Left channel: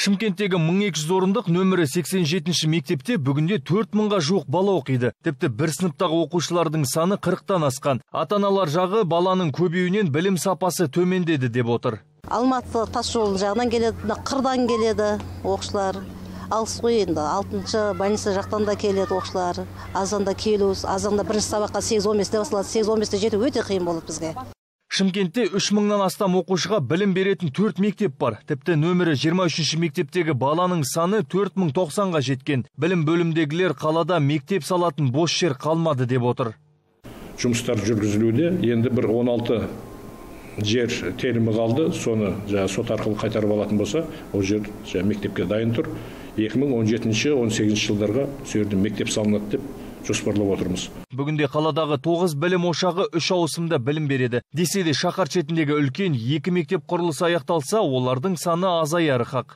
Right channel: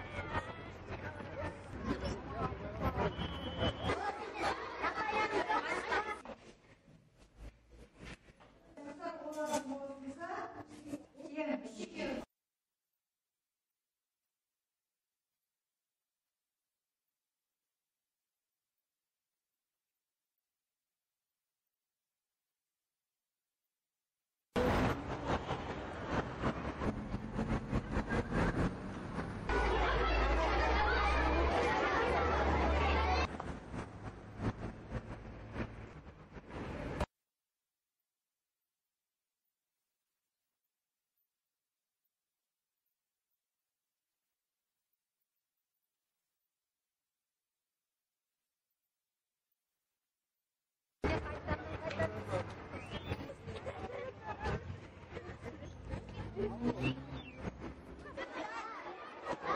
Шымкенттегі 1200 орындық нөмірі 87 мектепте бүгінде 4000-ға жуық бала оқиды. Тіпті бір сыныптағы оқушылардың саны 40-тан асқан. Ата-аналар жағы баланың көбеюінен білім сапасы төмендеді деп отыр. Алматы тас жол жағынан келеді, қырдан келеді оқушылар. Алыс қой енді, 6-шы больница жақтан да келеді оқушылар. Азанда келу, азанда бірінші сабаққа 8-15-те басылады, 8-15-те жету өте қиын болады бізге. Шымкентте 3000-нан астам оқушыға білім беретін 4 мектеп бар. Тіпті нөмірі 23-ші мектептегі баланың саны 4090-ға жеткен. Білім бөлімдегілер қалада мектеп салатын бос жер қалмады деп отыр. Жұмыстар жүргізілуде, енді бір 16 жер телімі қалды, соны сот арқылы қайтарып алатын болса, ол жер мектепке дайын тұр. 2017-18 жылдарға сөйерді мектеп салынады деп жоспарлап отырмыз. Бүгінде қаладағы 9 білім ошағы 3 ауысымда білім береді. Десе де шаһар шетіндегі үлкен 2 мектеп құрылысы аяқталса, олардың саны азаяры хақ.